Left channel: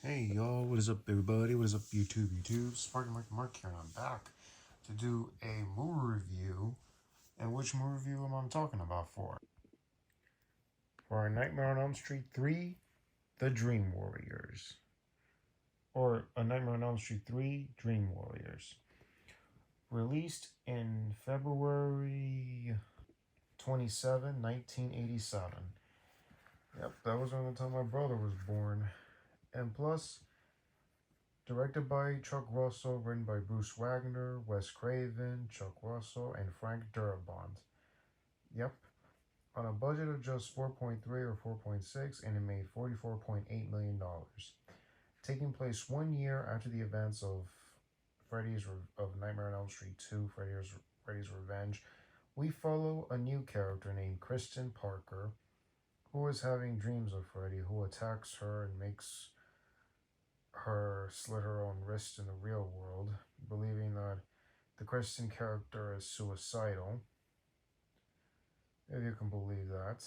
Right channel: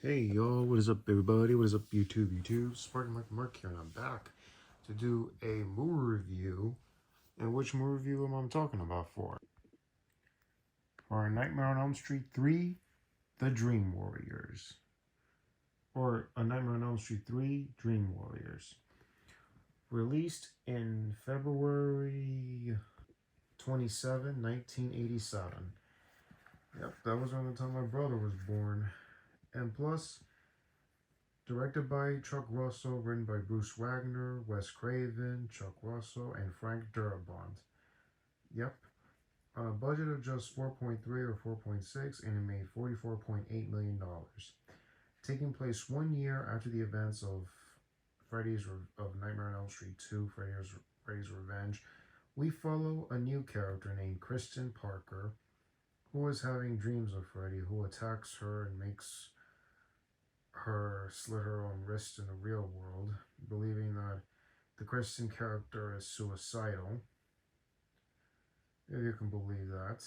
Hey y'all, what is up everybody? What is up YouTube? Sparking Mark here, and I'm back to do a movie review. And which movie review am I talking about for? For Nightmare on Elm Street 3, The Dream Warriors. Or A Nightmare on Elm Street 3, Dream Warriors. Released in February 27, 1987. Yep, that was around the time my brother was born. And plus, directed by Chuck Russell, written by Bruce Wagner, Wes Craven, Chuck Russell, and Frank Darabont. Yep. On a budget of just 4.3 or 4.6, and it made $44.8 million. Taking place 1 year after the events of Nightmare on Elm Street 2, Freddy's Revenge, we follow a new character named Kristen Parker, who is having dreams of Freddy, who attacks her and makes her slit her own wrist in the real world, believing that the Kristen character is suicidal, if you can believe that,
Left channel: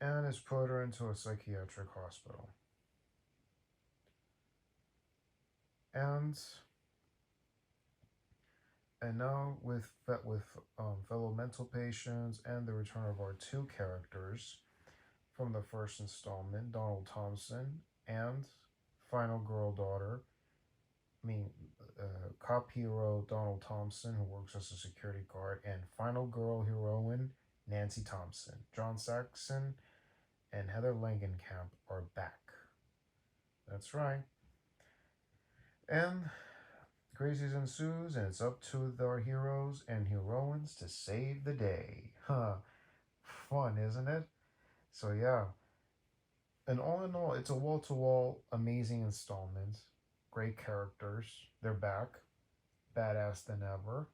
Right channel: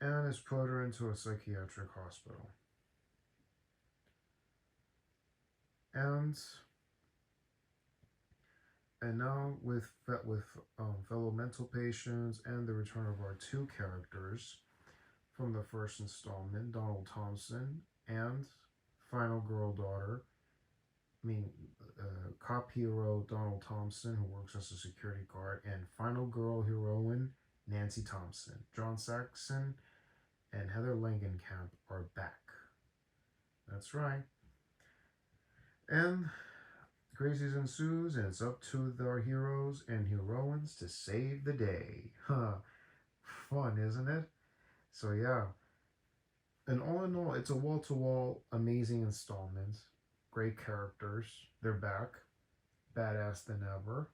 and has put her into a psychiatric hospital. And now with fellow mental patients and the return of our two characters from the first installment, Donald Thompson and final girl daughter, cop hero Donald Thompson, who works as a security guard, and final girl heroine Nancy Thompson. John Saxon and Heather Langenkamp are back. That's right. And crazies ensues, and it's up to our heroes and heroines to save the day. Fun, isn't it? So yeah. And all in all, it's a wall-to-wall amazing installment. Great characters. They're back. Badass than ever.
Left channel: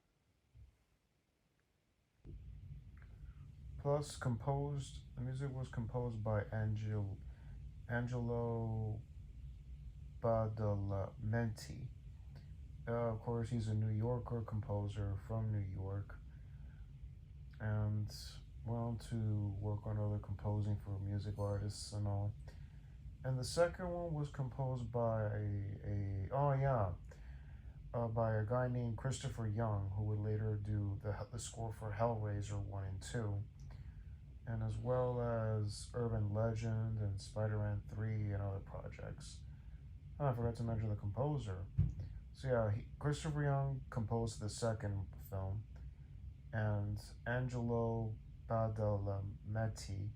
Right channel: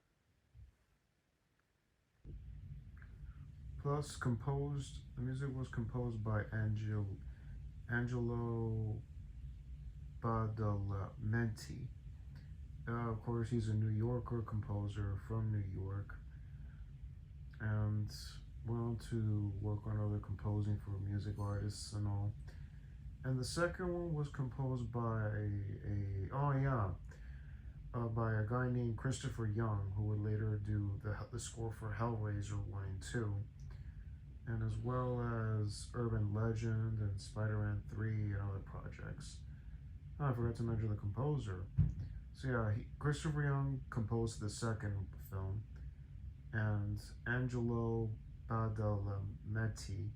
Plus, the music was composed by Angelo Badalamenti. Of course, he's a New Yorker composer from New York, and went on to work on other composing for music artists and all. And the second one was composed by by a guy named Christopher Young, who would later do the score for Hellraiser 1 and 2, and as well as Urban Legend and Spider-Man 3 and other projects. Oh, I forgot to mention the composer. So yeah, Christopher Young composed the second film, and Angelo Badalamenti,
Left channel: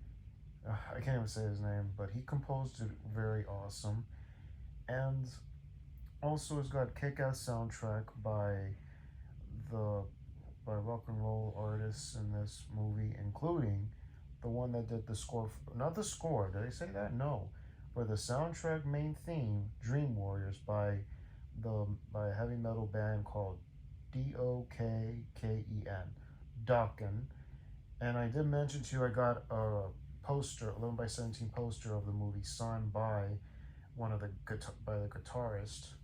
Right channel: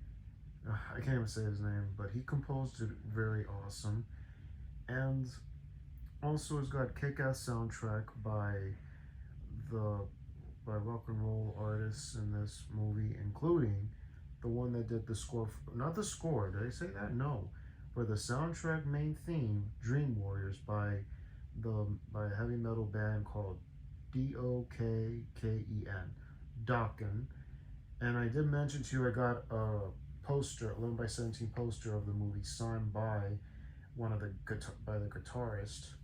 I can't even say his name, but he composed it very awesome. And also has got kick-ass soundtrack by rock and roll artists in this movie, including the one that did the score, not the score, did I say that? No. For the soundtrack main theme, Dream Warriors, by a heavy metal band called Dokken, Dokken. And I did mention to you I got a poster, 11 by 17 poster of the movie signed by the guitarist,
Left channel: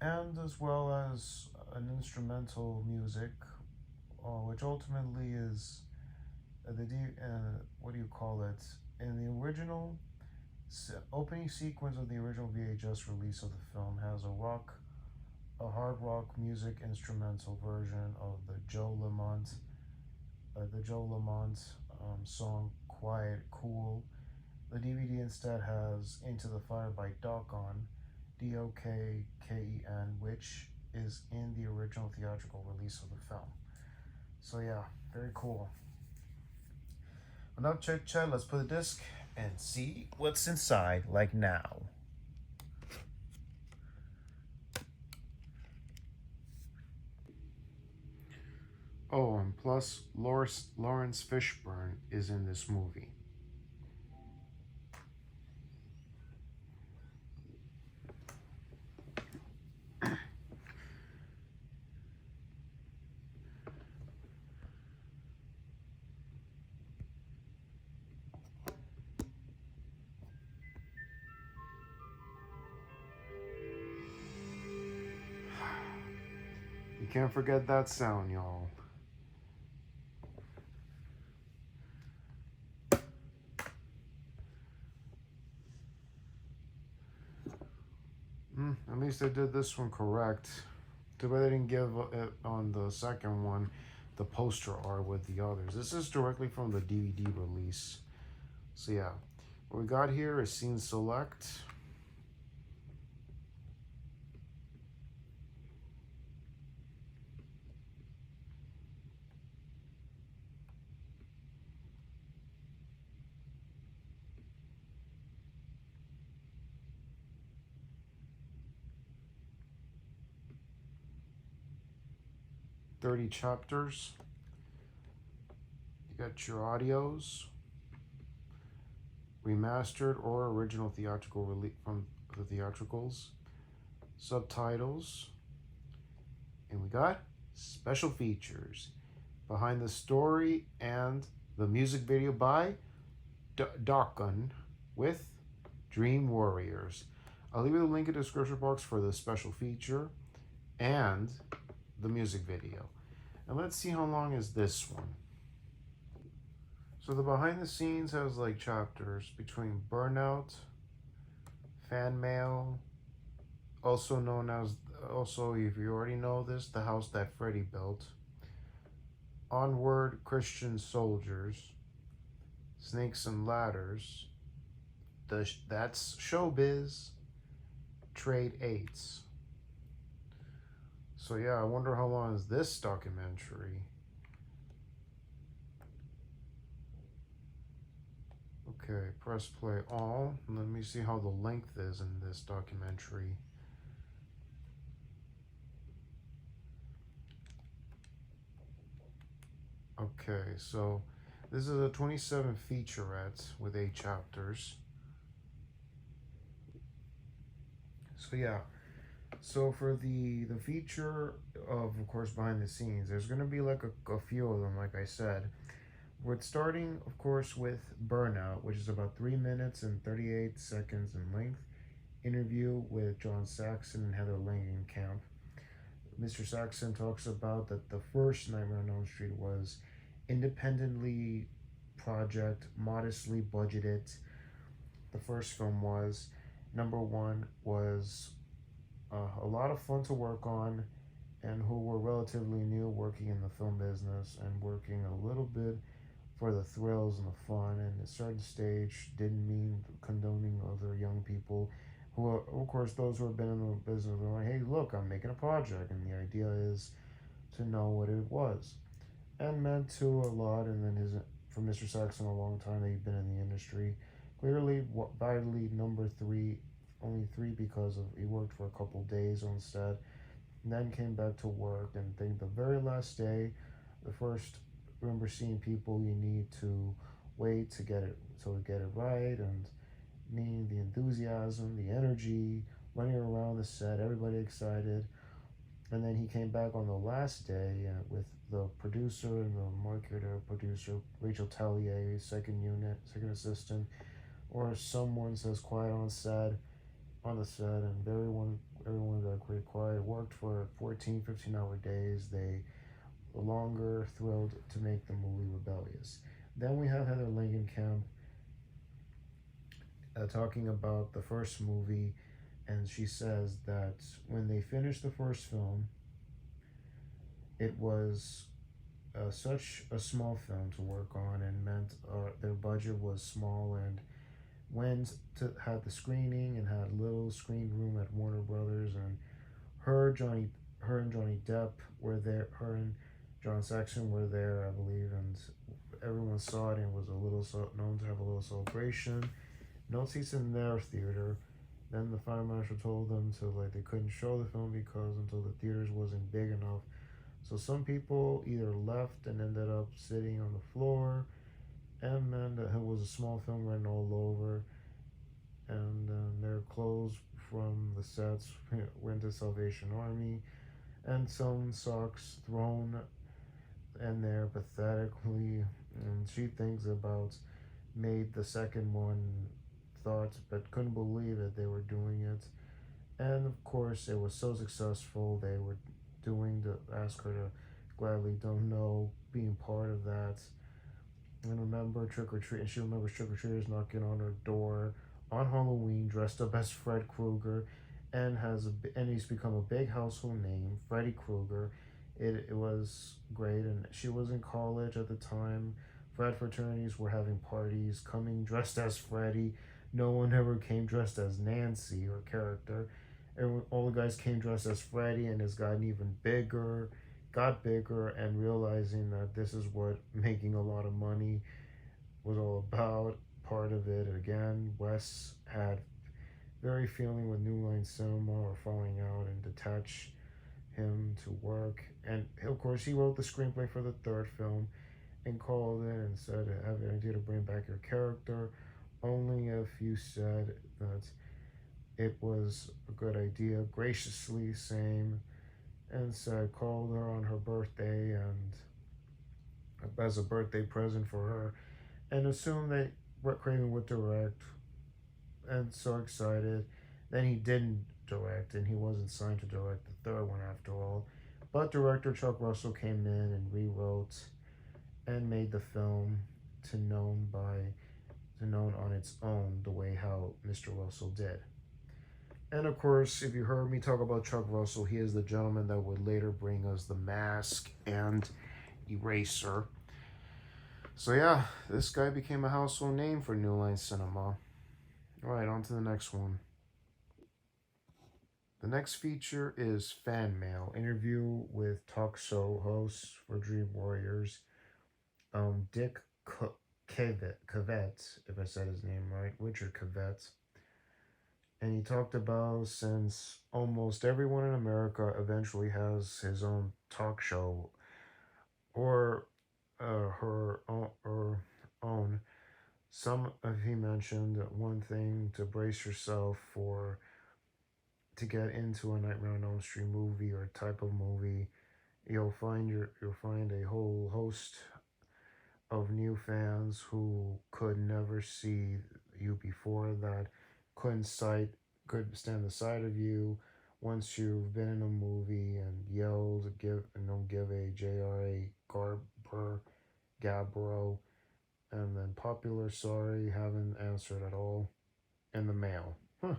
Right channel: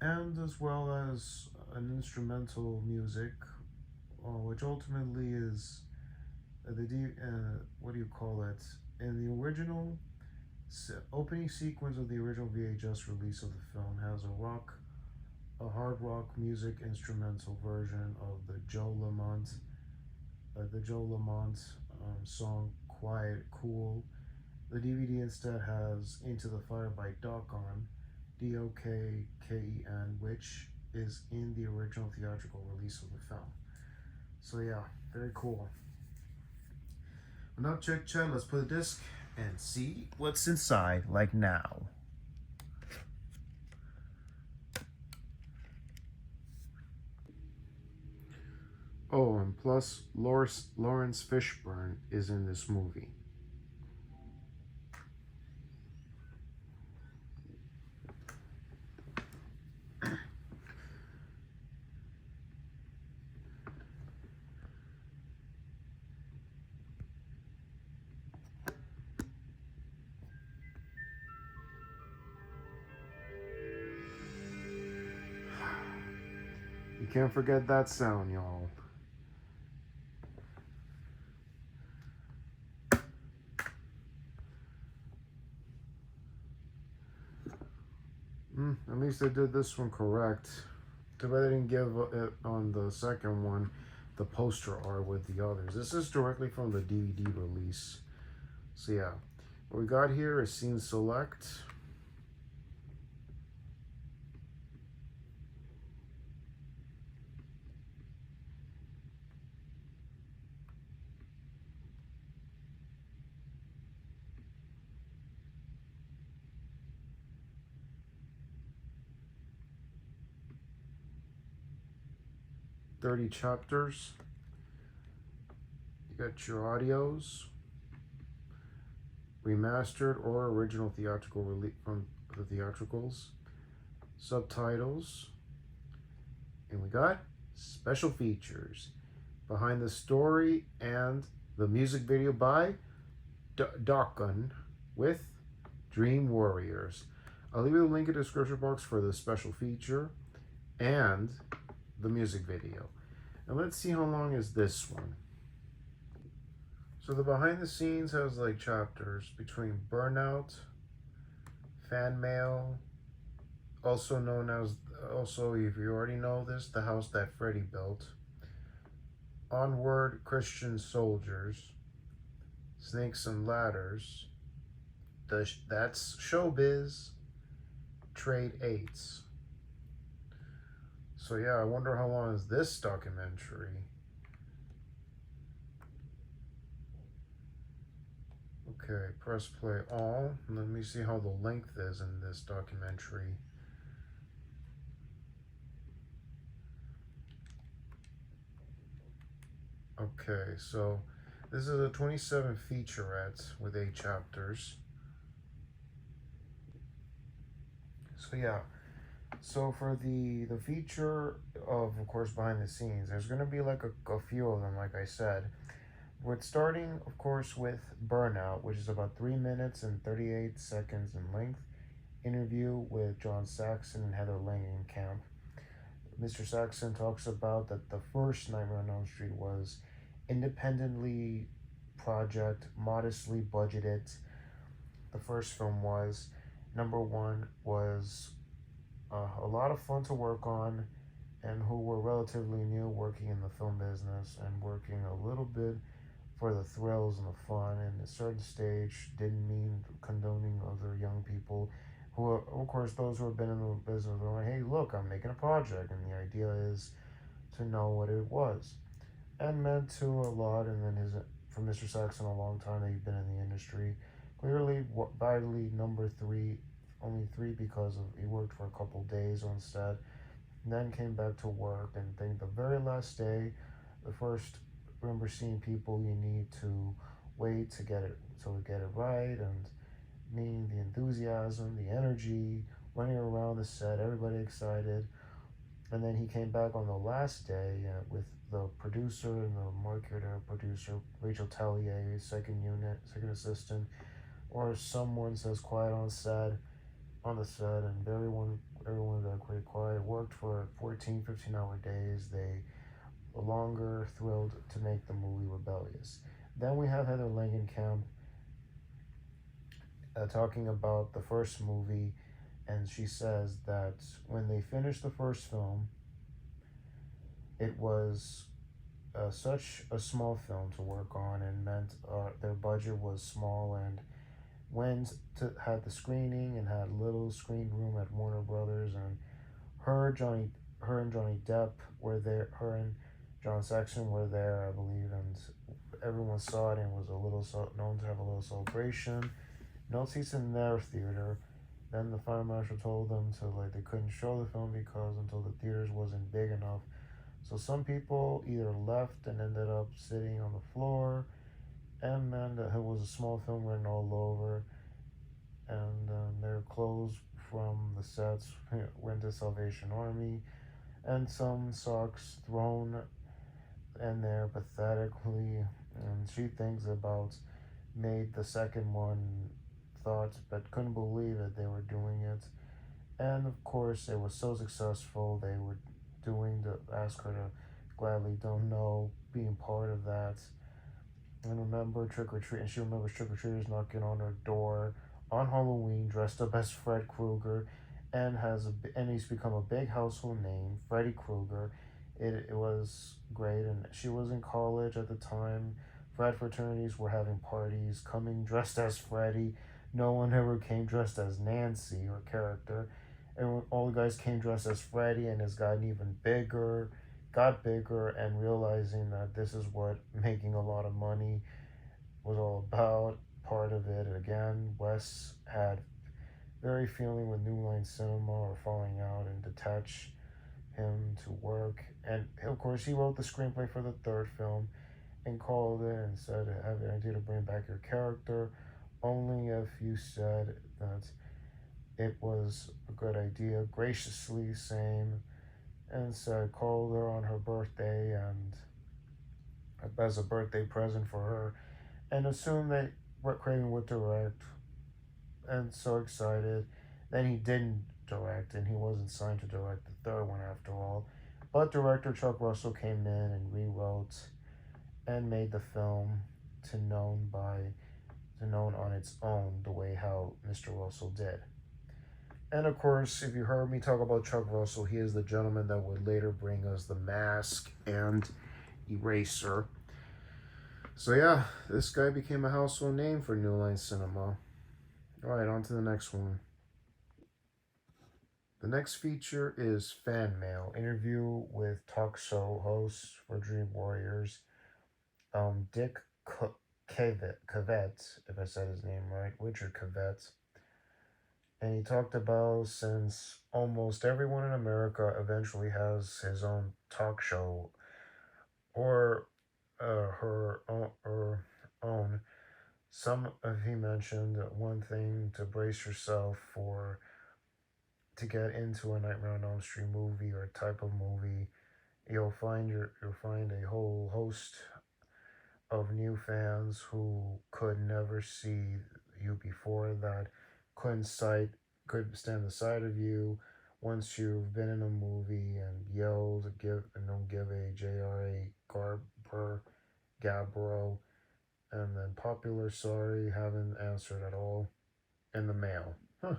and as well as an instrumental music, which ultimately is what do you call it? In the original opening sequence of the original VHS release of the film has a hard rock music instrumental version of the Joe Lamont song Quiet Cool. The DVD instead has Into the Fire by Dokken, Dokken, which is in the original theatrical release of the film. So yeah, very cool. Enough chit chat, let's put the disc and see what's inside, like now. Oh, and plus, Lawrence Fishburne is in this movie. You can't forget that sound, y'all. At least they did this one correct. Too bad they didn't give it on the second one the poster art with the others. This is directly from the DVD release. So yeah, what we got here is scene select. "30 chapters. You got your audios, remastered or original theatrical release from the theatricals, subtitles, and we got special features, behind the story and the music video by Dokkan with Dream Warriors. I'll leave you the link in the description box for the special feature and the music video. And let's see how long is this one. So the behind the scenes has like chapters between Burnout, Fan Mail, also known as, also if you already know this, The House That Freddy Built, Onward Christian Soldiers, Snakes and Ladders, That's Showbiz, Trade 8s. So yeah, I wonder how long is this documentary. Okay, press play all. Let me see how the length is in this documentary. Okay, so this is a 27 featurette with 8 chapters. So yeah, so for the feature of course, behind the scenes, there's going to be like a few of them, like I said. We're starting, of course, with Burnout, which is about 3 minutes and 38 seconds in length. Interview with John Saxon and Heather Langenkamp. Mr. Saxon talks about that the first Nightmare on Elm Street was independently project, modestly budgeted. The first film was, number one, was a lot of fun to work on, and who were relatively new working in the film business and working a little bit for the thrills and the fun, and a certain stage didn't mean condoning other young people who, of course, those who have been in the business were like, hey, look, I'm making a project, and the idea is to know what it was. And meant to a lot, and then for Mr. Saxon, a long time that he'd been in the industry. Clearly, vitally number 3, only 3 because of he worked for a couple days on set, and then came back to work, and I think the very last day, the first, remember seeing people you need to wait to get it right, and meaning the enthusiasm, the energy, running around the set, everybody excited. And then he came back on the last day with the producer and the marketer producer, Rachel Tellier, second assistant, or someone says quiet on the set, and everyone got pretty quiet. Worked for 14-15 hour days. They were longer, thrilled to make the movie Rebellious. Then we have Heather Langenkamp talking about the first movie, and she says that when they finished the first film, it was such a small film to work on, and meant their budget was small, and had the screening and had a little screen room at Warner Brothers, and her and Johnny Depp were there, her and John Saxon were there, I believe, and everyone saw it and was known to have a little celebration. No seats in their theater. Then the fire marshal told them they couldn't show the film because until the theaters wasn't big enough. So some people either left and ended up sitting on the floor, and then it was a small film written all over, and their clothes from the sets went to Salvation Army, and some socks thrown in there pathetically. And she thinks about made the second one thoughts, but couldn't believe it, they were doing it. And of course, it was so successful, they were ask her to gladly don't know being part of that. And remember and she remembers trick or treaters knocking on her door on Halloween dressed up as Fred Krueger, and he's become a big household name. Freddy Krueger. It was great, and she was in college at the time. Frat fraternities were having parties, coming dressed as Freddy. No one ever came dressed as Nancy or character. And all the guys came dressed as Freddy, and it's gotten even bigger, got bigger, and realizing that this is what making a lot of money was all about. Part of it again, Wes had very feeling with New Line Cinema or falling out and detach him to work. And of course, he wrote the screenplay for the third film and called it and said, I have the idea to bring back your character only if you said that it was a good idea, graciously saying, and so I called her on her birthday and as a birthday present for her and assumed that Craven would direct and so excited. Then he didn't direct and he wasn't signed to direct the third one after all. But director Chuck Russell came in and rewrote and made the film to known on its own the way how Mr. Russell did. And of course, if you heard me talk about Chuck Russell, he is the gentleman that would later bring us The Mask and Eraser. So yeah, this guy became a household name for New Line Cinema. Alright, on to the next one. The next feature is Fan Mail, interview with talk show host for Dream Warriors, Dick Cavett, if I said his name right, Richard Cavett. And he talked about since almost everyone in America eventually has his own talk show or her own. Some of he mentioned one thing to brace yourself for to get into a Nightmare on Elm Street movie or type of movie. You'll find a whole host of new fans who could never see you before, that could stand the sight of you once you've been in a movie and yelled, give a J.R.A. Gabbro, and then popular sorry, haven't answered at all in the mail. Huh.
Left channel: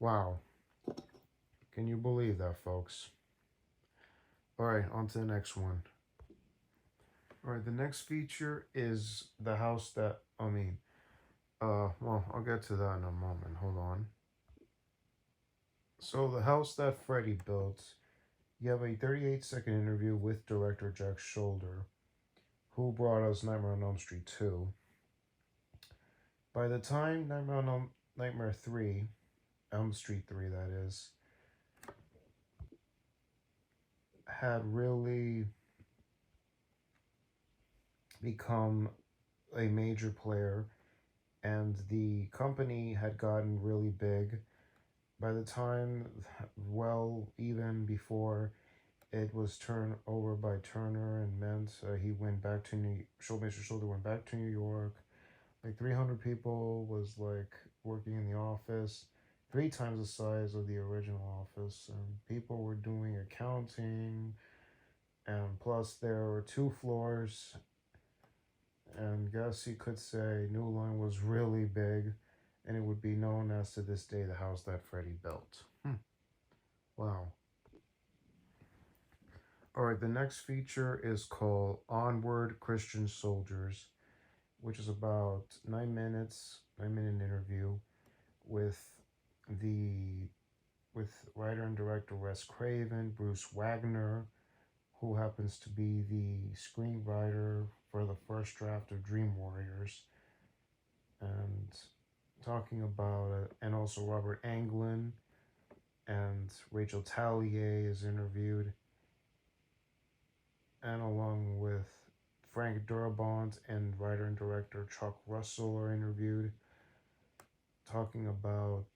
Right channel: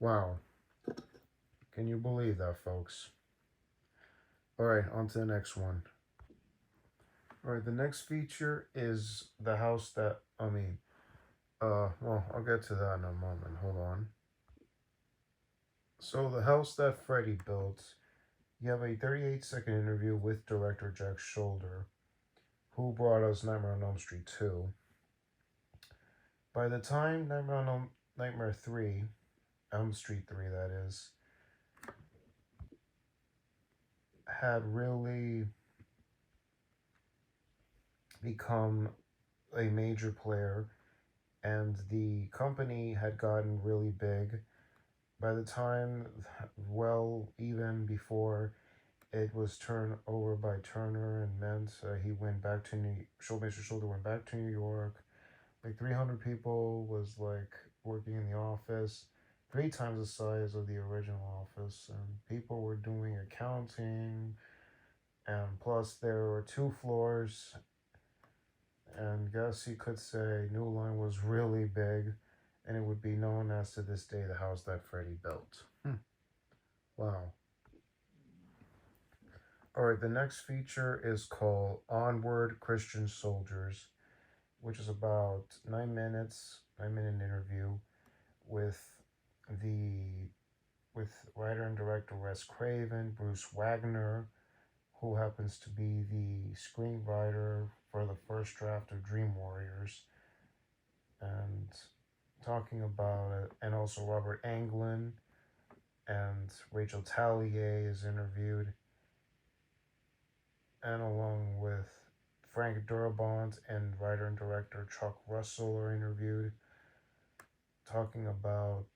Wow. Can you believe that, folks? Alright, on to the next one. Alright, the next feature is the house that, well, I'll get to that in a moment. Hold on. So, the house that Freddy built, you have a 38-second interview with director Jack Shoulder, who brought us Nightmare on Elm Street 2. By the time Nightmare 3, Elm Street 3 that is, had really become a major player and the company had gotten really big. By the time, well, even before it was turned over by Turner and meant he went back to Mr. Shoulder went back to New York. Like 300 people was like working in the office, 3 times the size of the original office, and people were doing accounting, and plus there were 2 floors, and guess you could say New Line was really big, and it would be known as to this day the house that Freddy built. Wow. Alright, the next feature is called Onward Christian Soldiers, which is about 9-minute interview with writer and director Wes Craven, Bruce Wagner, who happens to be the screenwriter for the first draft of Dream Warriors, and talking about it, and also Robert Englund and Rachel Taglier is interviewed, and along with Frank Darabont and writer and director Chuck Russell are interviewed, talking about,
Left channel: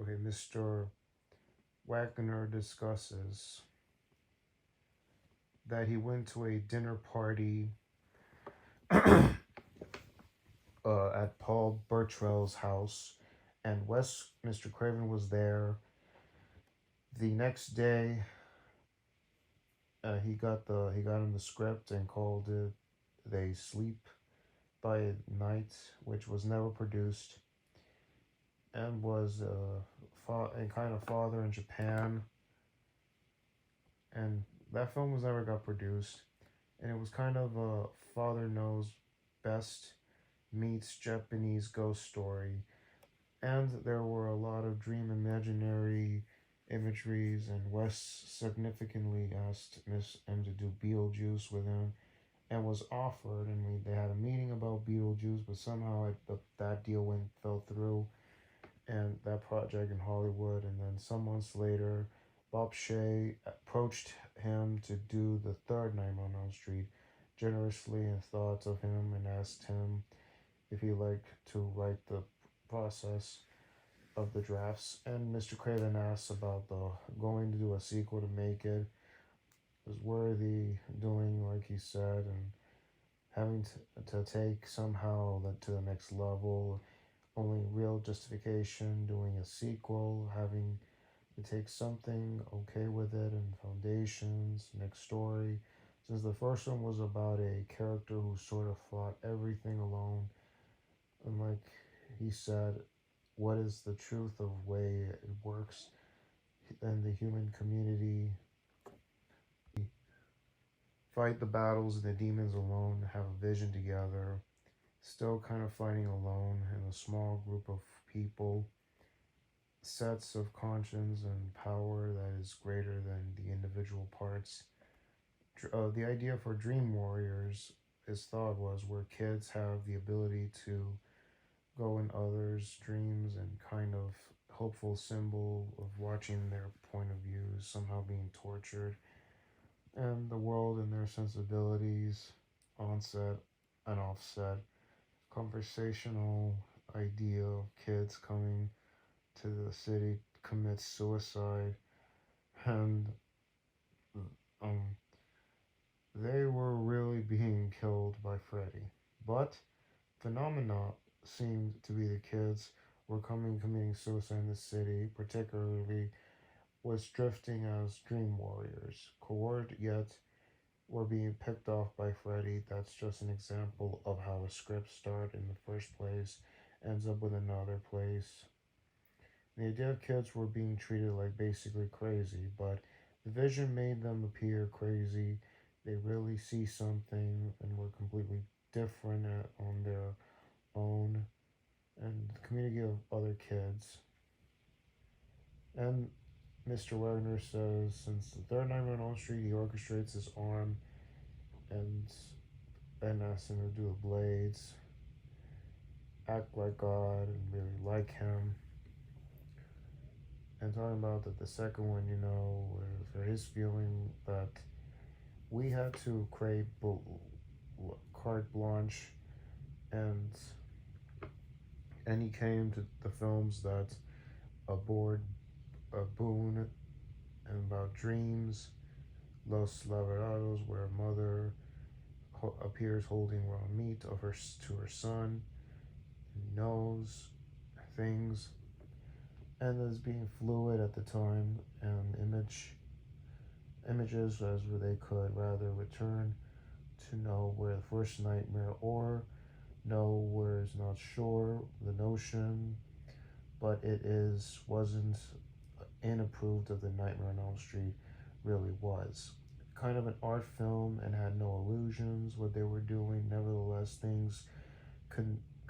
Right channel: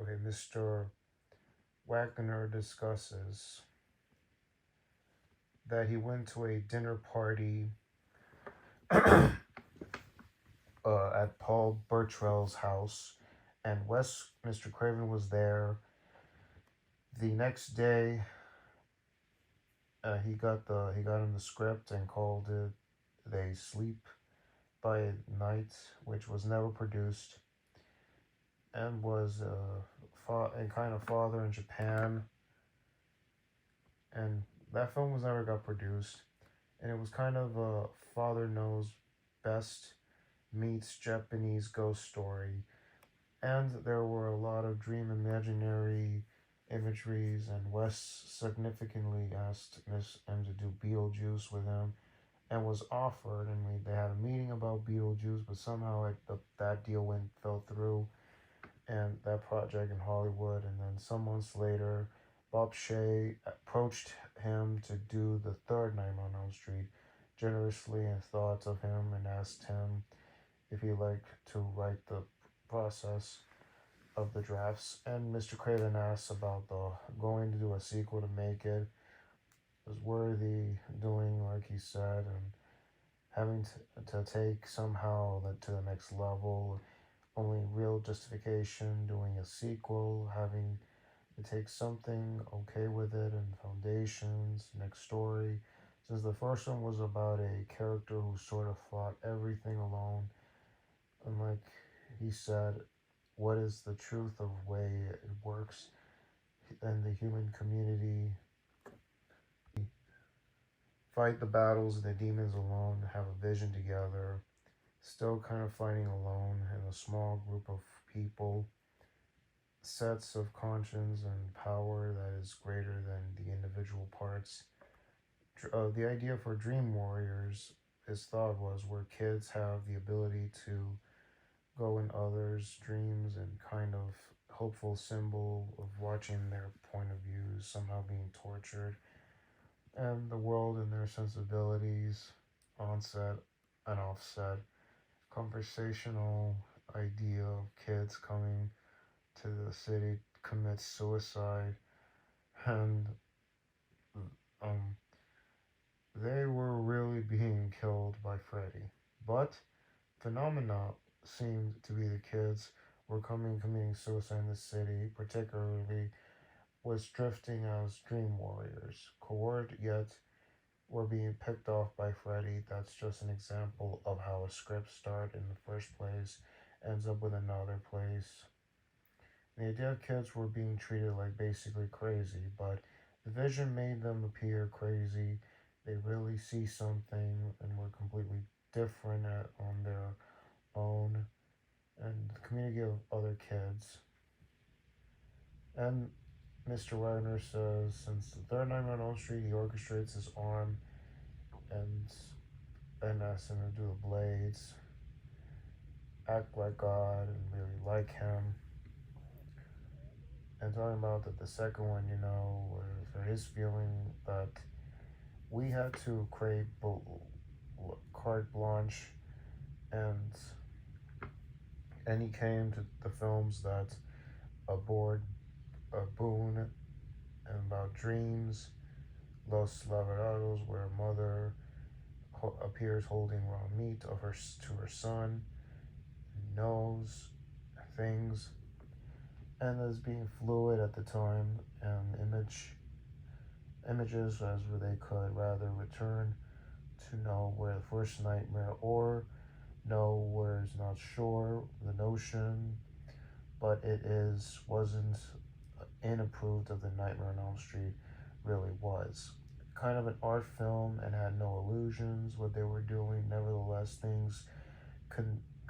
Mr. Wagner discusses that he went to a dinner party at Paul Burtrell's house, and Mr. Craven was there. The next day, he got him the script and called it They Sleep by Night, which was never produced. and was a kind of father in Japan. And that film was never got produced. And it was kind of a father knows best meets Japanese ghost story. And there were a lot of dream imaginary imageries, and Wes significantly asked Miss M to do Beetlejuice with him, and was offered, and they had a meeting about Beetlejuice, but somehow that deal fell through, and that project in Hollywood. And then some months later, Bob Shea approached him to do the third Nightmare on Elm Street, generously and thought of him and asked him if he'd like to write the process of the drafts. And Mr. Craven asked about going to do a sequel to make it was worthy doing, like he said, and having to take somehow to the next level. Only real justification doing a sequel, having to take something okay with it, and foundations, next story. Since the first one was about a character who sort of fought everything alone, and like he said, what is the truth of way it works in the human community? Fight the battles of the demons alone, have a vision together, still kind of fighting alone in a small group of people, sets of conscience and power that is greater than the individual parts. The idea for Dream Warriors, his thought was, where kids have the ability to go in others' dreams, and kind of hopeful symbol of watching their point of view somehow being tortured, and the world and their sensibilities, onset and offset, conversational idea of kids coming to the city to commit suicide, and um, they were really being killed by Freddy. But phenomena seemed to be the kids were committing suicide in the city, particularly was drifting as dream warriors, coward yet were being picked off by Freddy. That's just an example of how a script starts in the first place, ends up with another place. The idea of kids were being treated like basically crazy, but the vision made them appear crazy. They really see something and were completely different on their own, and the community of other kids. And Mr. Wagner says, since the third Nightmare on Elm Street, he orchestrates his arm and asks him to do the blades, act like God, and really like him. And talking about that the second one, was his feeling that we had to create carte blanche, and he came to the films that aboard a boon and about dreams, Los Laverados, where a mother appears holding raw meat to her son, knows things, and is being fluid at the time, and images as they could rather return to know where the first nightmare, or know where is not sure the notion, but wasn't inapproved of the Nightmare on Elm Street really was. Kind of an art film and had no illusions what they were doing. Nevertheless, things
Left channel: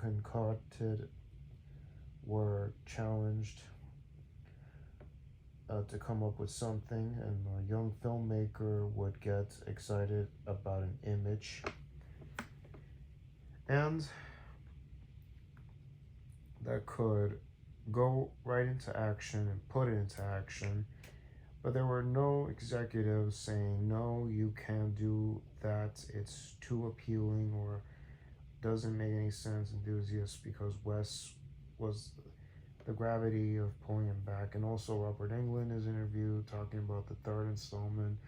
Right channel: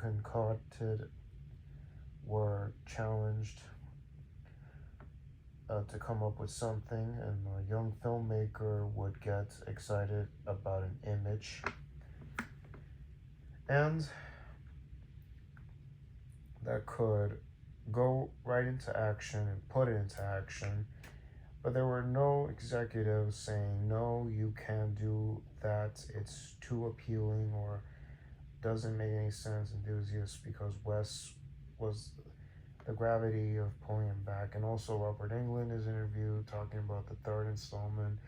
concocted were challenged to come up with something, and a young filmmaker would get excited about an image, and that could go right into action and put it into action. But there were no executives saying, no, you can't do that, it's too appealing, or doesn't make any sense, enthusiasts, because Wes was the gravity of pulling him back. And also Robert Englund is interviewed talking about the third installment,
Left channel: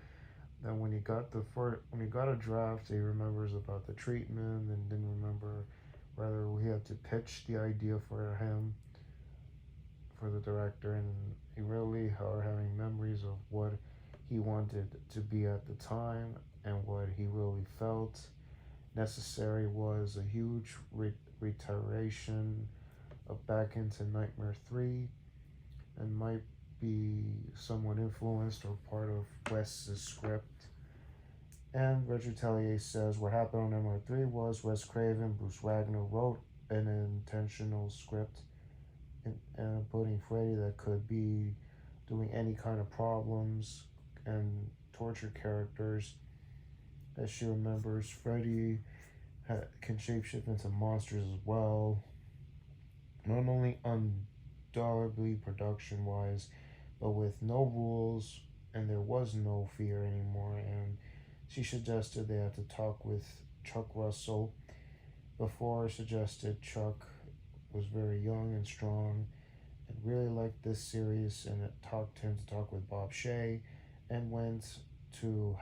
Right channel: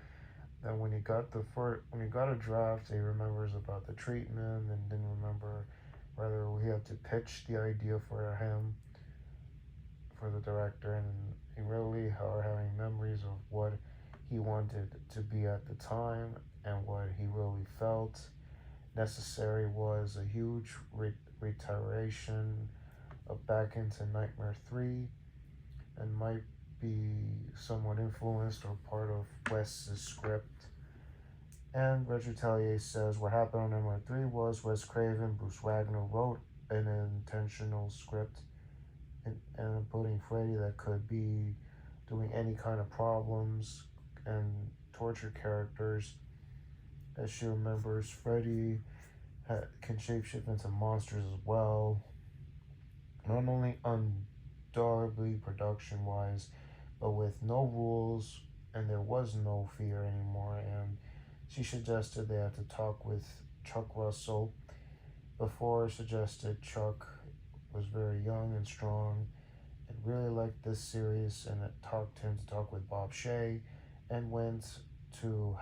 that when he got a draft, he remembers about the treatment and didn't remember whether he had to pitch the idea for him, for the director, and he really are having memories of what he wanted to be at the time, and what he really felt necessary was a huge reiteration back into Nightmare 3 and might be somewhat influenced or part of Wes's script. And Reg Retalier says what happened on Nightmare 3 was Wes Craven, Bruce Wagner wrote an intentional script and putting Freddy that could be doing any kind of problems and torture characters. As she remembers, Freddy can shapeshift into monsters as well. Not only undoubtedly production wise, but with no rules, and there was no fear anymore. And she suggested they had to talk with Chuck Russell. Before suggested Chuck was very young and strong and really liked this series, and it talked him to talk with Bob Shea, and went to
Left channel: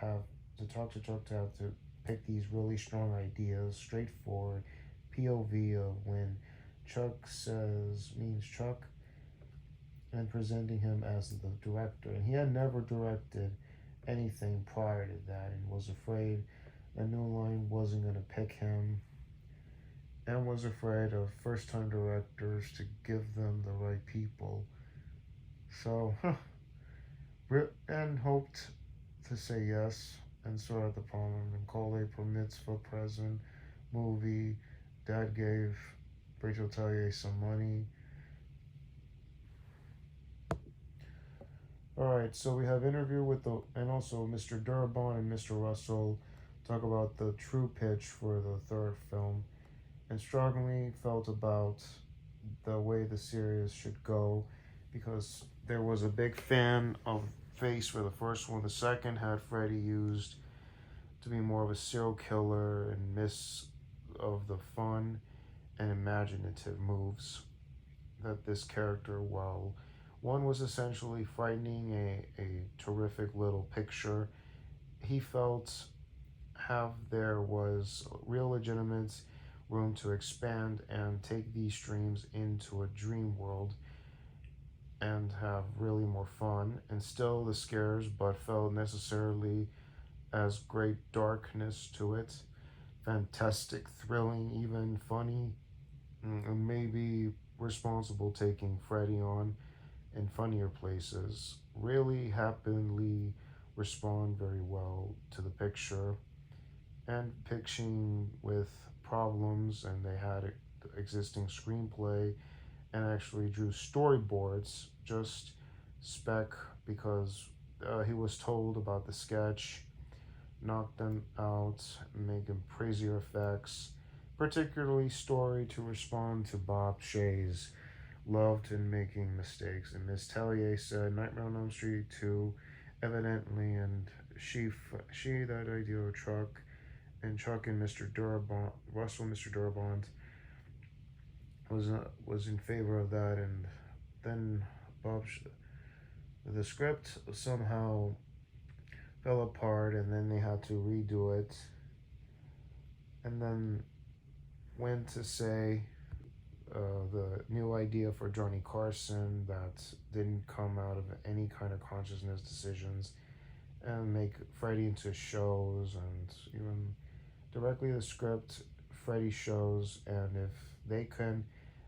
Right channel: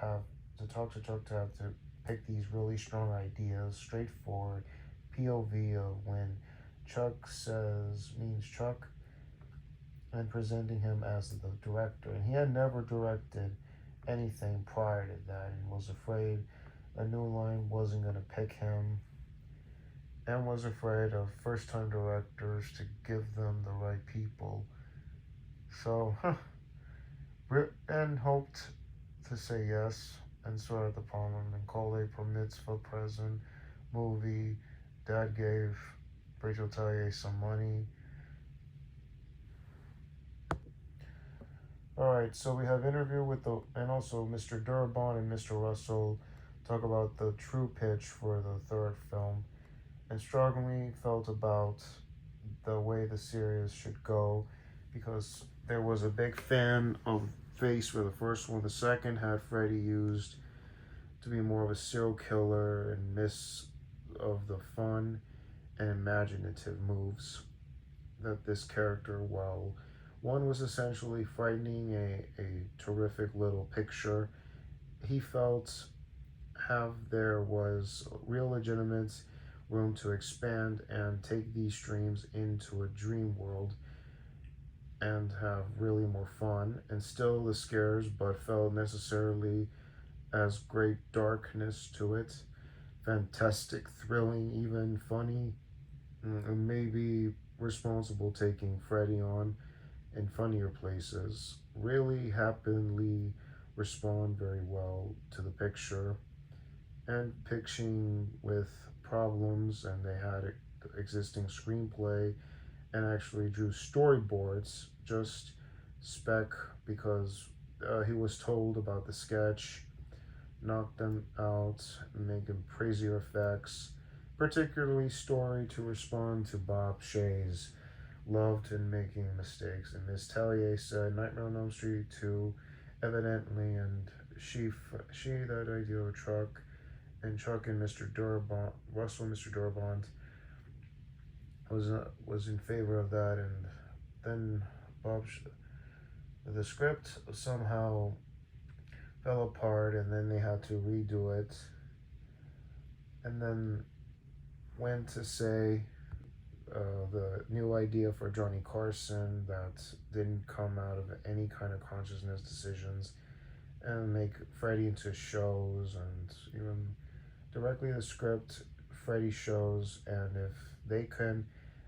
talk to Chuck to have to pick these really strong ideas, straightforward POV of when Chuck means Chuck, and presenting him as the director. And he had never directed anything prior to that and was afraid a New Line wasn't going to pick him, and was afraid of first-time directors to give them the right people. So, and hoped to say yes, and saw at the Palmer and called April Mitzvah present movie. Dad gave Rachel Tellier some money. Alright, so we have interview with and also Mr. Durabon and Mr. Russell talk about the true pitch for the third film, and strongly felt about the way the series should go, because there was a big fan of Face for the first one. The second had Freddy used to be more of a serial killer and miss of the fun and imaginative moves that this character, while one was essentially frightening, a terrific little picture, he felt there was real legitimate room to expand and take these dreams into a dream world and have really more fun, and still the scares, but felt necessarily as great darkness to it, fantastic, thrilling, even funny, and maybe responsible, taking Freddy on in funnier places. Really happily respond very well to the picture, and pitching with problems, and they had existing screenplay and actually drew storyboards, just spec, because he was told about the sketch, knocked them out, making crazier effects, particularly story to respond to Bob Shea's loved in making mistakes. And Miss Tellier said Nightmare on Elm Street 2 evidently, and she that idea of Chuck, and Chuck and Mr. Durabont, Russell, Mr. Durabont was in favor of that, and then the script somehow fell apart, and then they had to redo it, and then went to say the new idea for Johnny Carson that didn't come out of any kind of consciousness decisions, and make Freddy into shows, and even directly the script Freddy shows, and if they can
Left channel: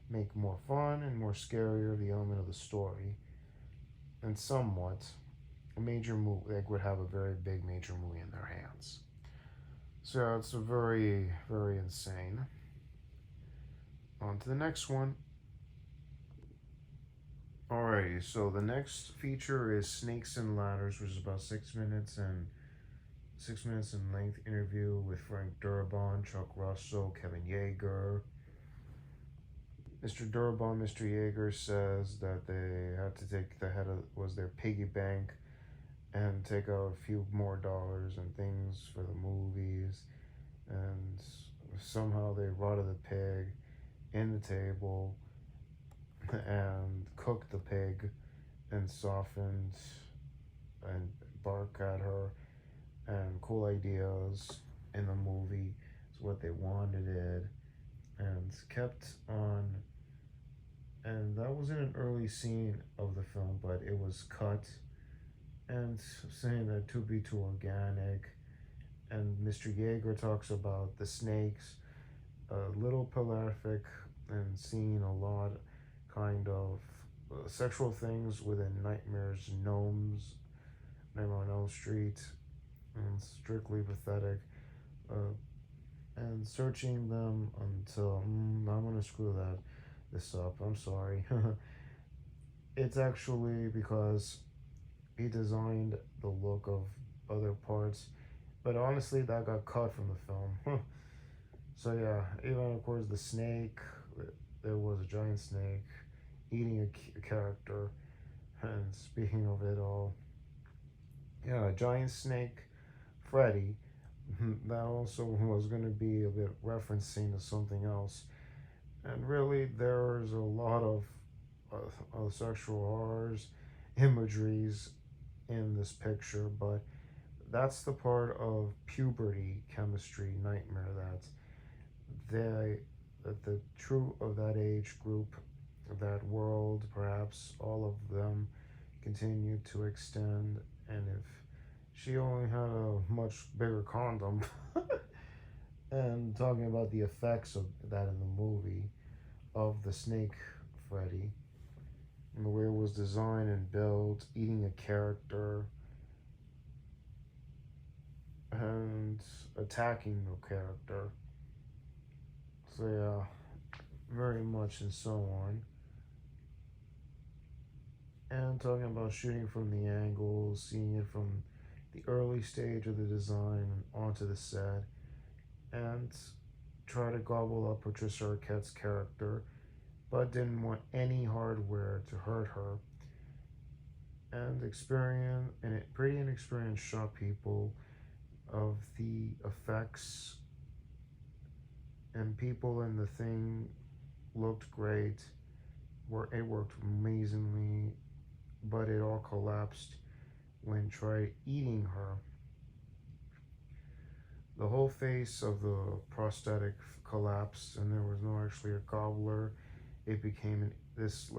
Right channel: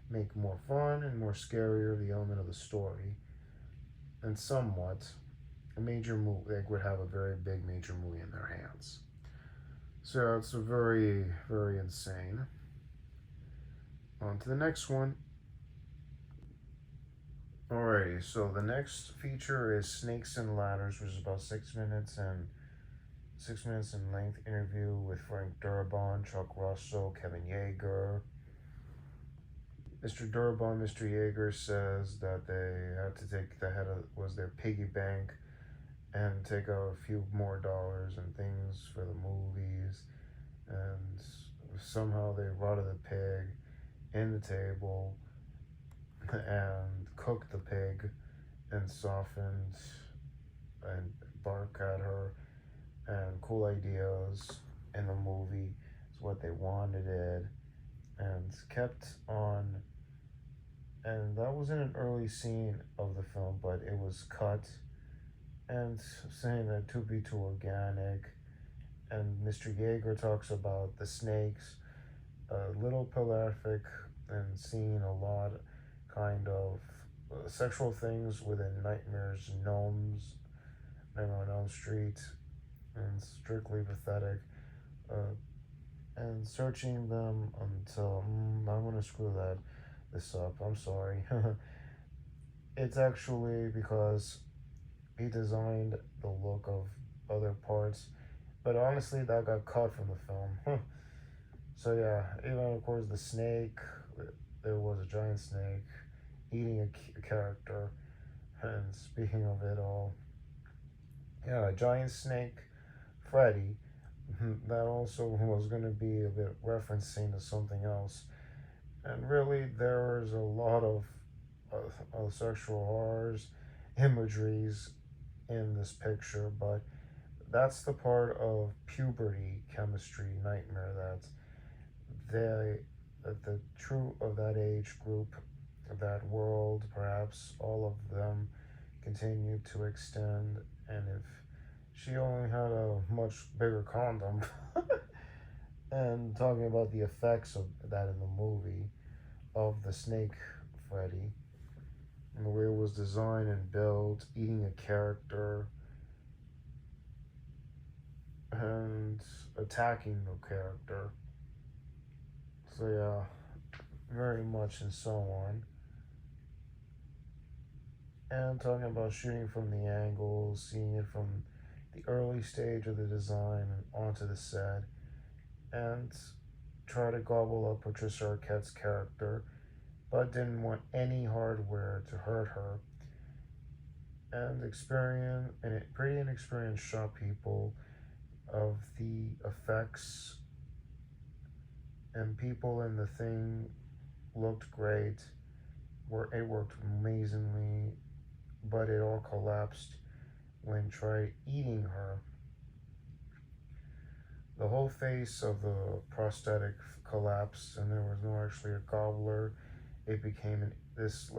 make more fun and more scarier the element of the story, and somewhat a major movie, they would have a very big major movie in their hands. So it's a very, very insane. On to the next one. Alrighty, so the next feature is Snakes and Ladders, which is about 6 minutes in length interview with Frank Darabont, Chuck Russell, Kevin Yeager. Mr. Darabont, Mr. Yeager says that they had to take was their piggy bank and take out a few more dollars and things for the movies, and somehow they rotted the pig in the table and cooked the pig and softened and bark at her, and cool ideas in the movie is what they wanted it, and kept on. And that wasn't an early scene of the film, but it was cut, and saying that to be too organic. And Mr. Yeager talks about the snakes, a little prolific and seeing a lot kind of sexual things within Nightmares, Gnomes, Nightmare on Elm Street, and Strictly Pathetic, and searching them until I'm gonna screw this up. I'm sorry. It's actually because he designed the look of other parts, but honestly, that got cut from the film. So yeah, even of course the snake. There was a giant snake eating a character. And speaking of it all, yeah, a giant snake, Freddy. That also was going to be a bit referencing to something else. And really, there's a lot of sexual horrors, imageries in this picture, but that's the part of puberty chemistry nightmare they that the true of that age group, that world, perhaps all of them continue to extend. And if she only had a much bigger condom, and talking about the effects of that in the movie of the snake Freddy, and the way it was designed and built, eating a character and attacking the character. So yeah, very much and so on. And talking about shooting from the angles, seeing it from the early stage of the design and onto the set, and try to gobble up Patricia Arquette's character, but didn't want any hardware to hurt her. And pretty inexperienced shot people of the effects, and people in the thing looked great. It worked amazingly, but it all collapsed when tried eating her. The whole face of the prosthetic collapsed, and there was no actually a gobbler. It became this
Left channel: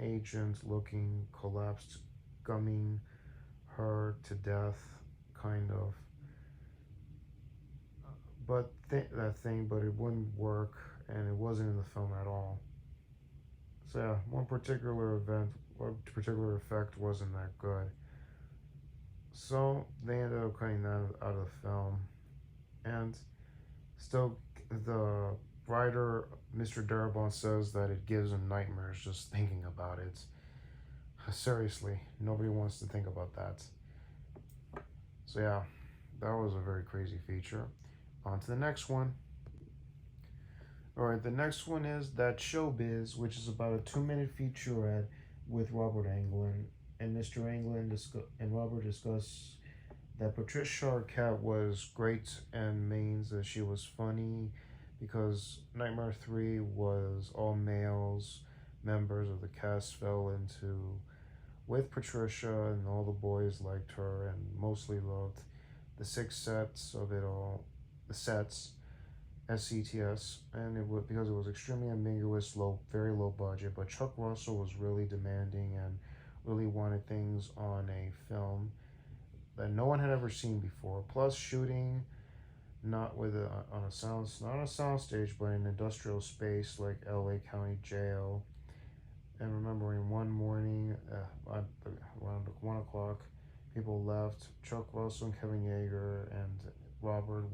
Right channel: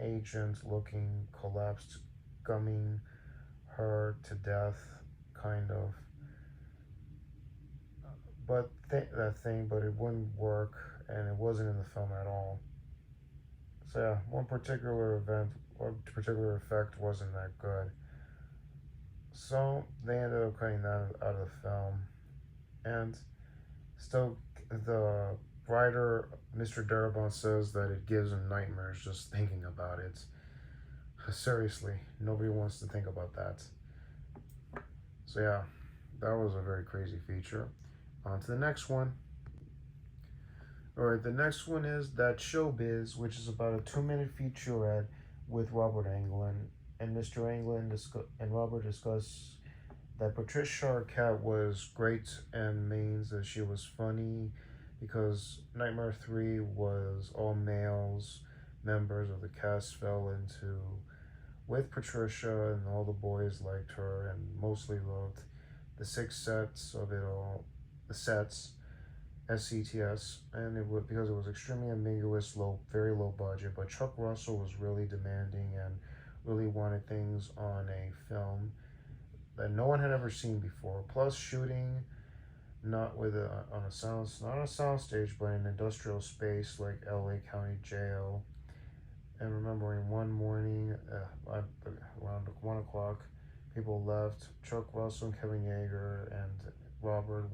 ancient looking collapsed, gumming her to death, kind of. But but it wouldn't work, and it wasn't in the film at all. So yeah, one particular effect wasn't that good. So they ended up cutting that out of the film, and still the writer Mr. Darabont says that it gives him nightmares just thinking about it. Seriously, nobody wants to think about that. So yeah, that was a very crazy feature. On to the next one. Alright, the next one is That Showbiz, which is about a 2-minute featurette with Robert Englund. And Mr. Englund and Robert discuss that Patricia Arquette was great and means that she was funny because Nightmare 3 was all males, members of the cast fell into with Patricia, and all the boys liked her and mostly loved the 6 sets of it all, the sets, SCTS, and because it was extremely ambiguous, very low budget. But Chuck Russell was really demanding and really wanted things on a film that no one had ever seen before. Plus, shooting not a soundstage, but in an industrial space like L.A. County Jail. And remembering one morning, around 1 o'clock, people left. Chuck Russell, Kevin Yeager, and Robert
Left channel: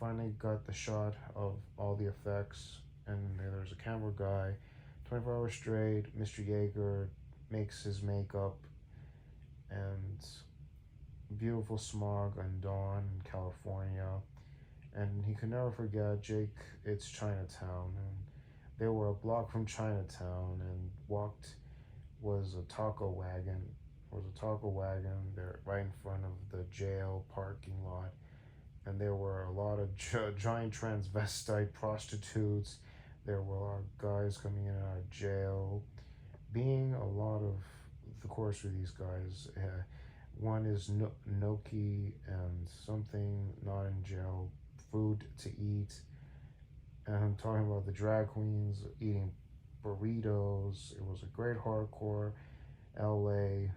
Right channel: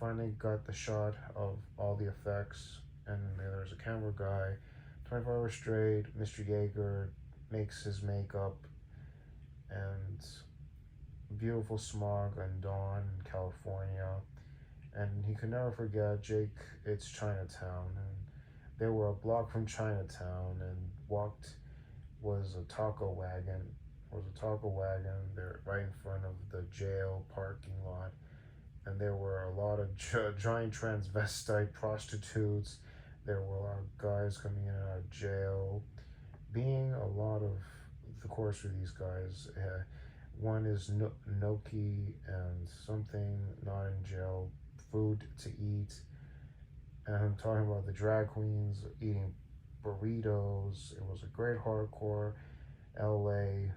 finally got the shot of all the effects, and there's a camera guy. 24 hours straight, Mr. Yeager makes his makeup, and beautiful smog and dawn in California. And he could never forget Jake, It's Chinatown. And they were a block from Chinatown, and was a taco wagon. There right in front of the jail parking lot. And there were a lot of giant transvestite prostitutes. There were a lot of guys coming in and out of jail. Being a lot of course, for these guys, one is gnocchi and something not in jail, food to eat. And I'm talking about the drag queens eating burritos. It was a great hardcore LA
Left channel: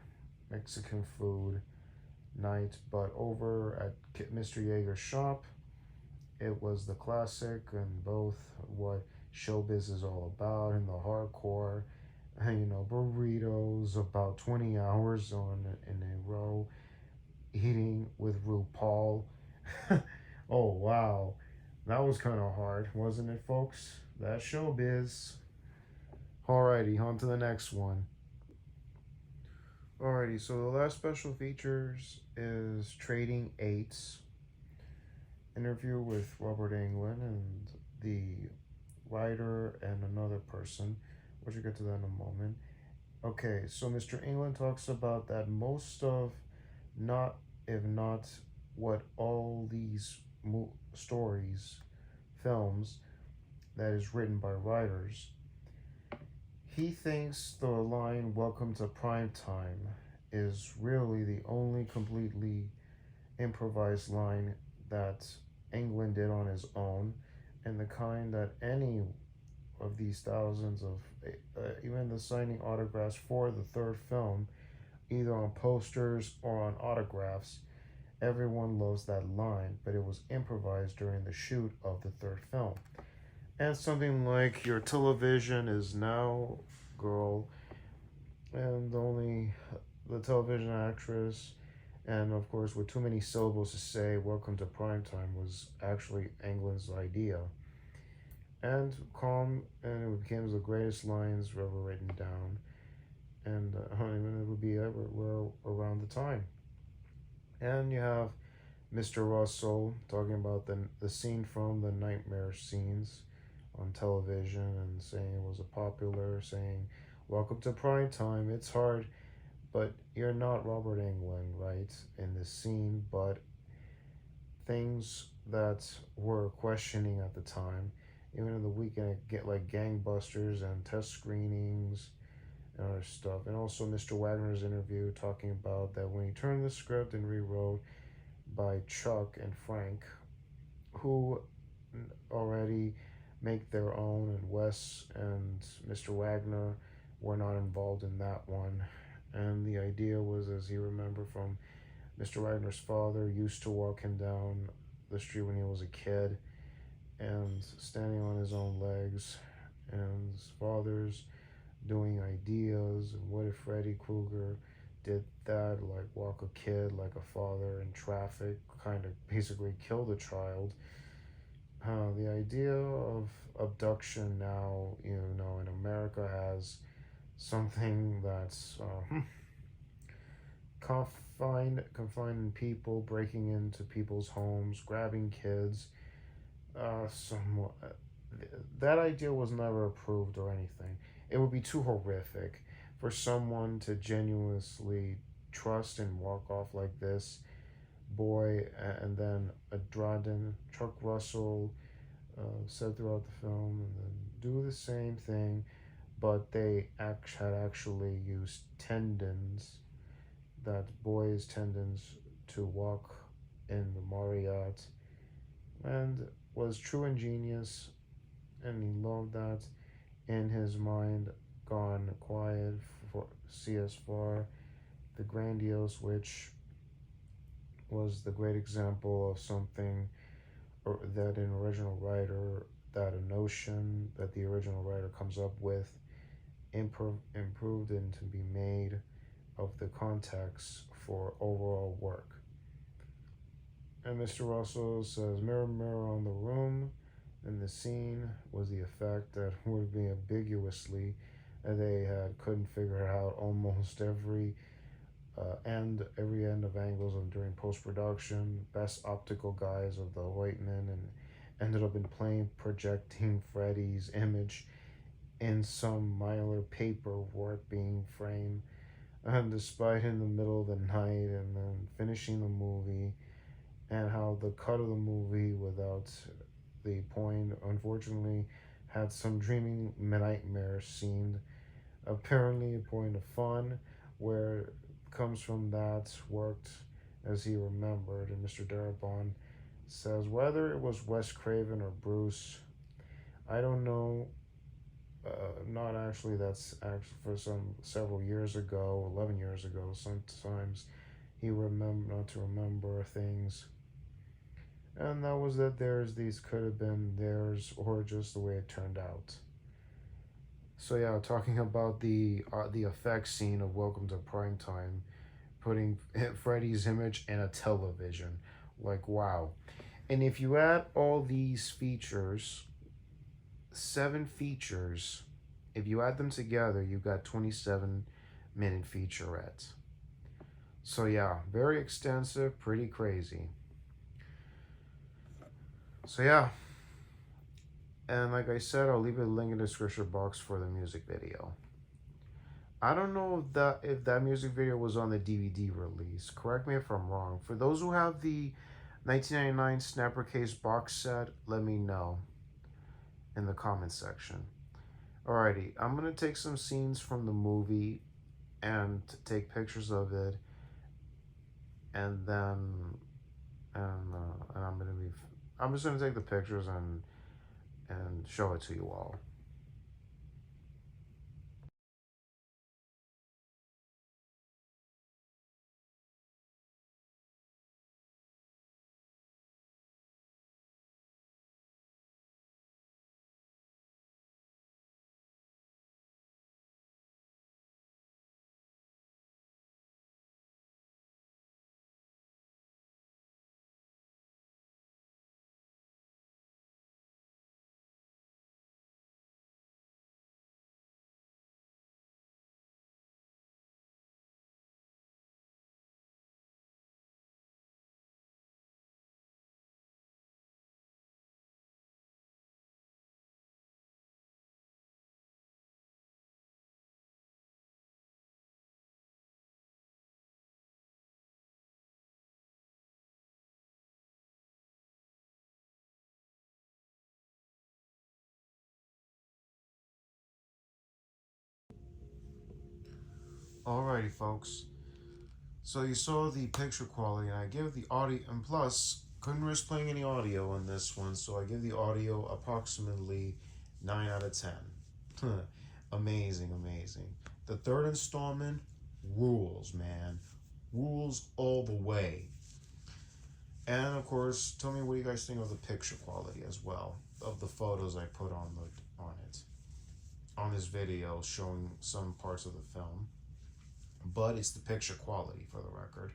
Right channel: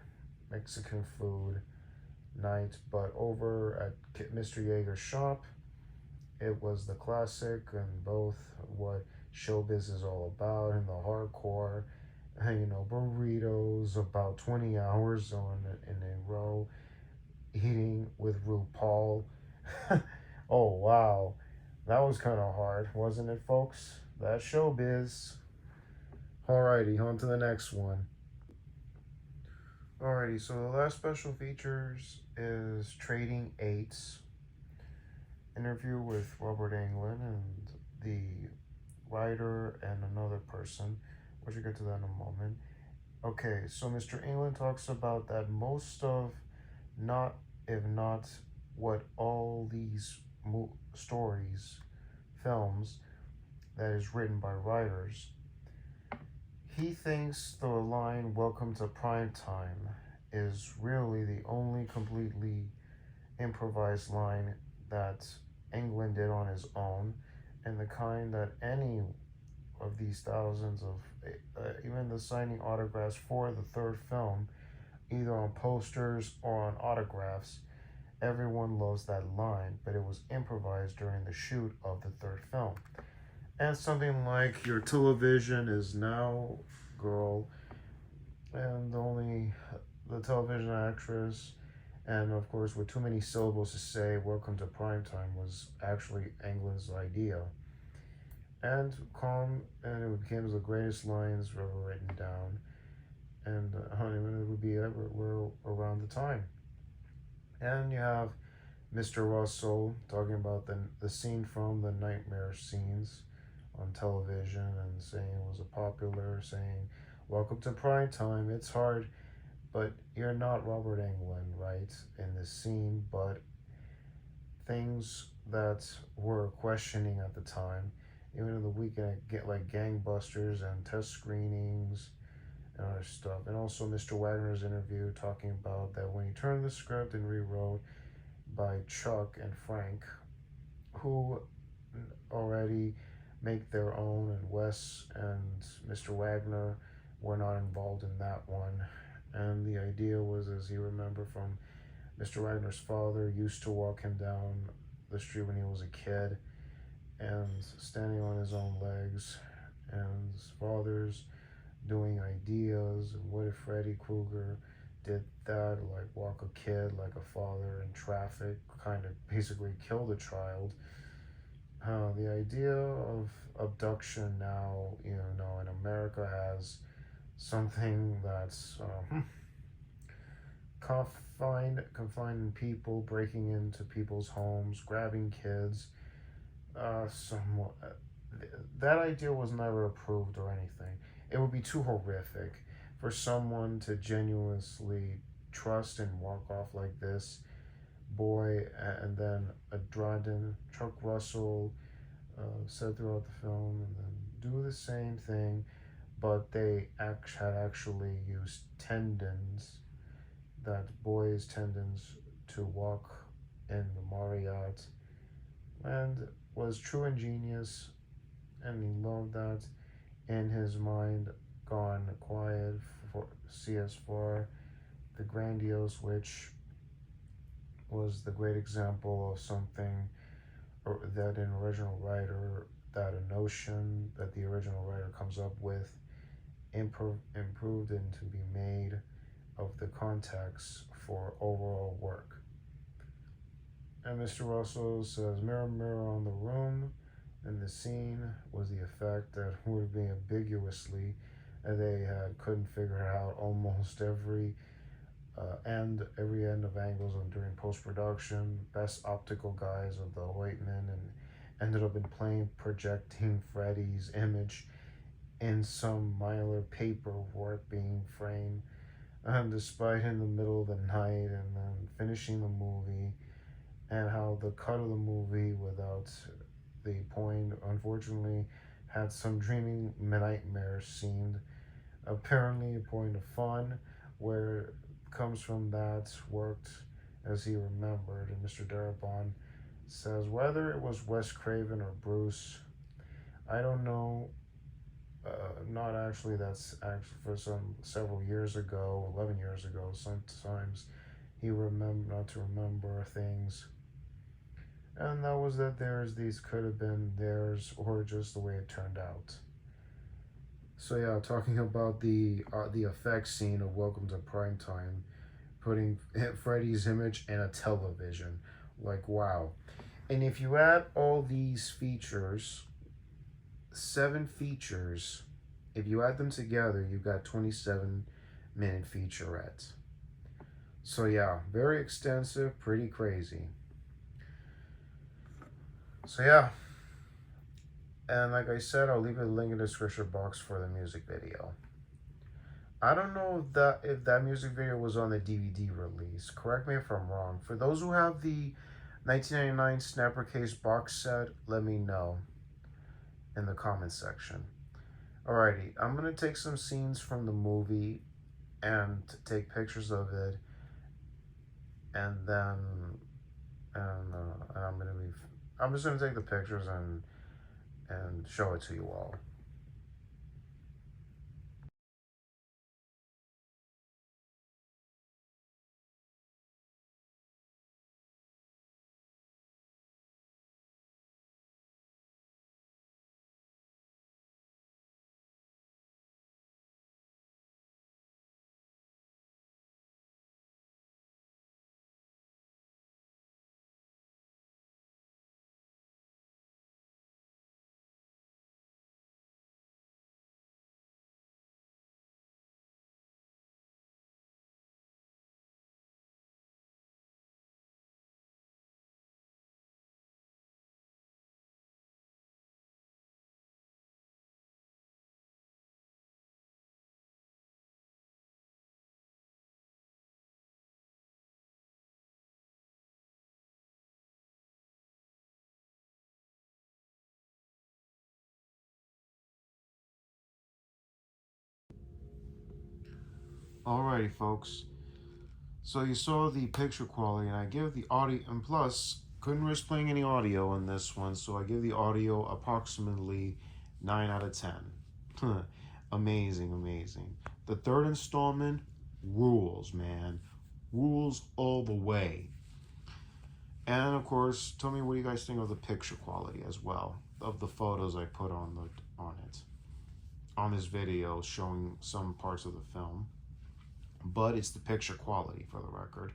Mexican food night, but over at Mr. Yeager's shop, it was the classic, and both what showbiz is all about, and the hardcore, burritos, about 20 hours on in a row, eating with RuPaul. Oh wow, that was kind of hard, wasn't it, folks? That's showbiz. Alrighty, on to the next one. Alrighty, so the last special features is Trading Eights, interview with Robert Englund and the writer and another person. We should get to that in a moment. Okay, so Mr. Englund talks about that most of, not if not what all these stories, films, that is written by writers. He thinks the line "Welcome to Prime Time" is really the only completely improvised line that Englund did on his own, and the kind that any of these thousands of, even the signing autographs for the third film, either on posters or on autographs, everyone loves that line, but it was improvised during the shoot of the third film. And something like "Your television is now, girl," and only the television actress, and of course, with too many syllables to say "Welcome to Primetime" was actually Englund's idea. And calm, and it became the greatest lines ever written down, and honeymoon, it would be everywhere around the time. And you have Mr. Russell talking about the scene from the nightmare scenes on television, and saying it was a popular saying, "Welcome to prime time. It's hard, but you're not Robert Englund, right, in this scene." But things that were questioning at the time, even in the weekend, get like gangbusters and test screenings and other stuff. And also Mr. Wagner's interview talking about that when he turned the script and rewrote by Chuck and Frank, who already make their own, and Wes and Mr. Wagner were not involved in that one. And the idea was, as you remember from Mr. Wagner's father, used to walk him down the street when he was a kid and standing on his own legs, and his father's doing ideas. And what if Freddy Krueger did that, like walk a kid like a father in traffic, kind of basically kill the child? The idea of abduction now, in America, as something that's confining people, breaking into people's homes, grabbing kids. Somewhat, that idea was never approved or anything. It would be too horrific for someone to genuinely trust and walk off like this boy, and then Chuck Russell said throughout the film, and then do the same thing, but they had actually used tendons, that boy's tendons, to walk in the Marriott, and was true ingenious, and he loved that. In his mind, gone quiet for CS4, the grandiose, which was the great example of something that an original writer, that a notion that the original writer comes up with, improved and to be made of the context for overall work. And Mr. Russell says, "Mirror, mirror on the room," in the scene was the effect that would be ambiguously, and they couldn't figure out almost every end of angles of during post-production. Best optical guys of the Whiteman, and ended up in plain projecting Freddy's image in some minor paperwork being framed, despite in the middle of the night, and then finishing the movie, and how the cut of the movie without the point, unfortunately, had some dreaming nightmare scene. Apparently a point of fun, where it comes from that, worked as he remembered. And Mr. Darabont says, whether it was Wes Craven or Bruce, I don't know. Not actually, that's actually for several years ago, 11 years ago. Sometimes he not to remember things. And that was that theirs, these could have been theirs, or just the way it turned out. So yeah, talking about the effects scene of Welcome to Primetime, putting Freddy's image in a television, like wow. And if you add all these features, 7 features, if you add them together, you got 27-minute featurette. So yeah, very extensive, pretty crazy. So yeah, and like I said, I'll leave a link in the description box for the music video. I don't know if that music video was on the DVD release. Correct me if I'm wrong. For those who have the 1999 Snapper Case box set, let me know in the comment section. Alrighty, I'm gonna take some scenes from the movie and take pictures of it, and then and I'm just gonna take the pictures and show it to you all. Alrighty, folks. So you saw the picture quality, and I give the audio, and plus, couldn't risk playing any audio in this one, so I give the audio approximately 9 out of 10. Amazing, amazing. The third installment rules, man. Rules all the way. And of course, tell me what you guys think of the picture quality as well, of the photos I put on this video showing some parts of the film. But it's the picture quality for the record.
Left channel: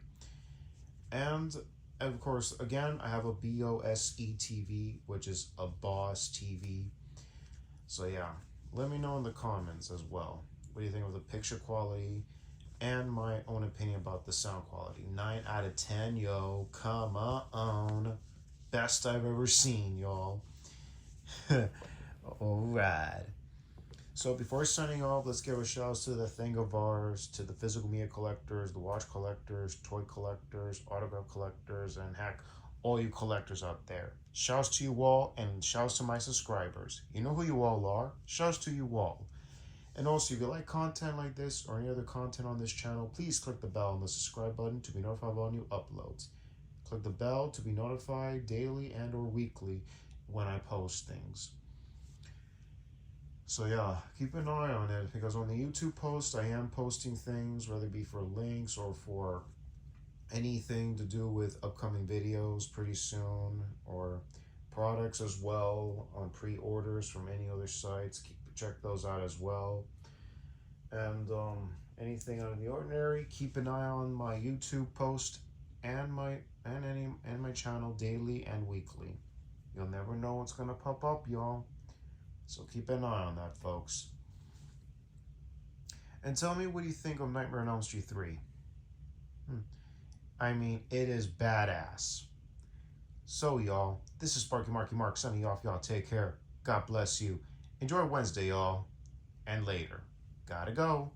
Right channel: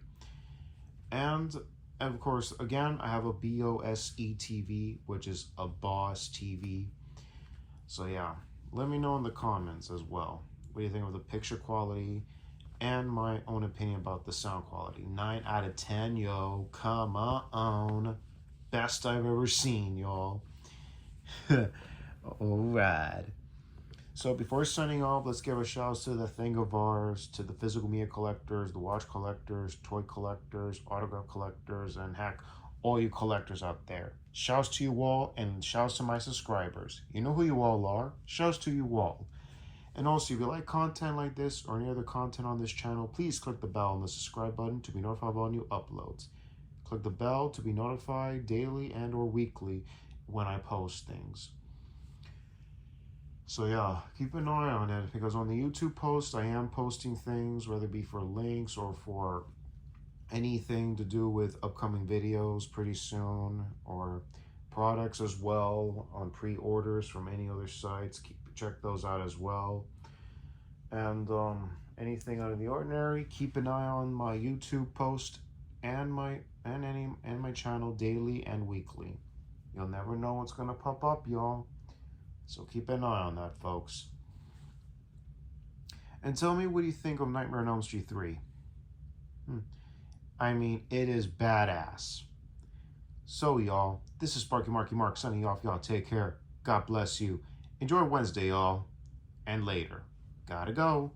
And of course, again, I have a BOSE TV, which is a BOSS TV. So yeah, let me know in the comments as well. What do you think of the picture quality and my own opinion about the sound quality? 9 out of 10, yo. Come on. Best I've ever seen, y'all. Alright. So before signing off, let's give a shout out to the Thingavars, to the physical media collectors, the watch collectors, toy collectors, autograph collectors, and heck, all you collectors out there. Shouts to you all, and shouts to my subscribers. You know who you all are. Shouts to you all. And also, if you like content like this or any other content on this channel, please click the bell and the subscribe button to be notified of all new uploads. Click the bell to be notified daily and or weekly when I post things. So yeah, keep an eye on it, because on the YouTube posts, I am posting things, whether it be for links or for anything to do with upcoming videos pretty soon, or products as well on pre-orders from any other sites. Check those out as well. And anything out of the ordinary, keep an eye on my YouTube post and my channel daily and weekly. You'll never know what's gonna pop up, y'all. So keep an eye on that, folks. And tell me, what you think of Nightmare on Elm Street 3? I mean, it is badass. So, y'all, this is Sparky Marky Mark signing off. Y'all take care. God bless you. Enjoy Wednesday, y'all. And later. Gotta go.